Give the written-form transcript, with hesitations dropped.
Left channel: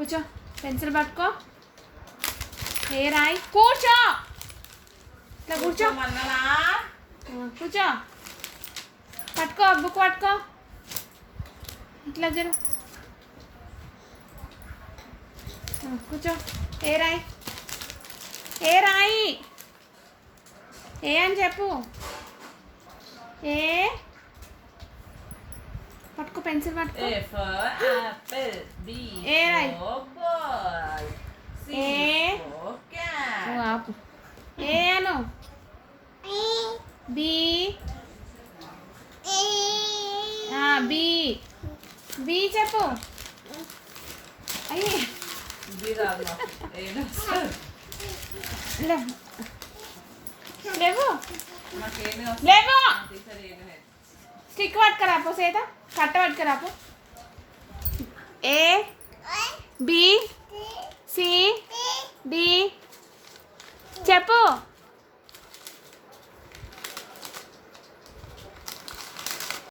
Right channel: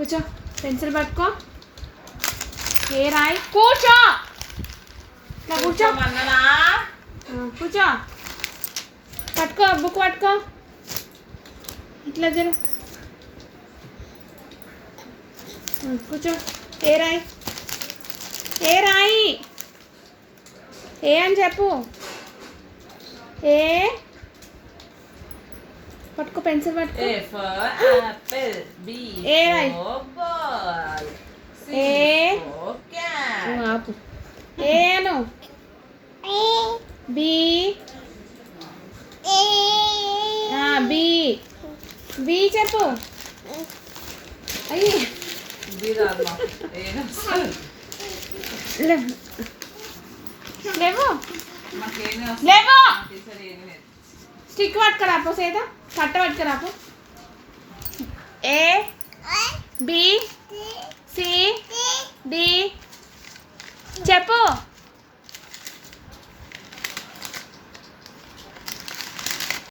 కూర్చో పెన్సిల్ పట్టుకో ఏ రాయి కూర్చో ఇట్లా కూర్చో కూర్చో పట్టుకో బుక్ పట్టుకో ఇట్లా జరు కూర్చో ఏ రాయి ఏ రాయి ఏ అని చెప్పు ఏ పట్టుకో పెన్సిల్ పట్టుకో A for apple, B for ball, C for cat. ఆపు ఏ అను బి బి బి చెప్పు అయ్యి B రాదు A లేవు మాకేమీ లేవు టీచర్ ఏమీ లేదు. స్టిక్ పట్టుకురాపో సేద కట్ట పట్టుకురాపో ఏ బి సి డి చెప్పు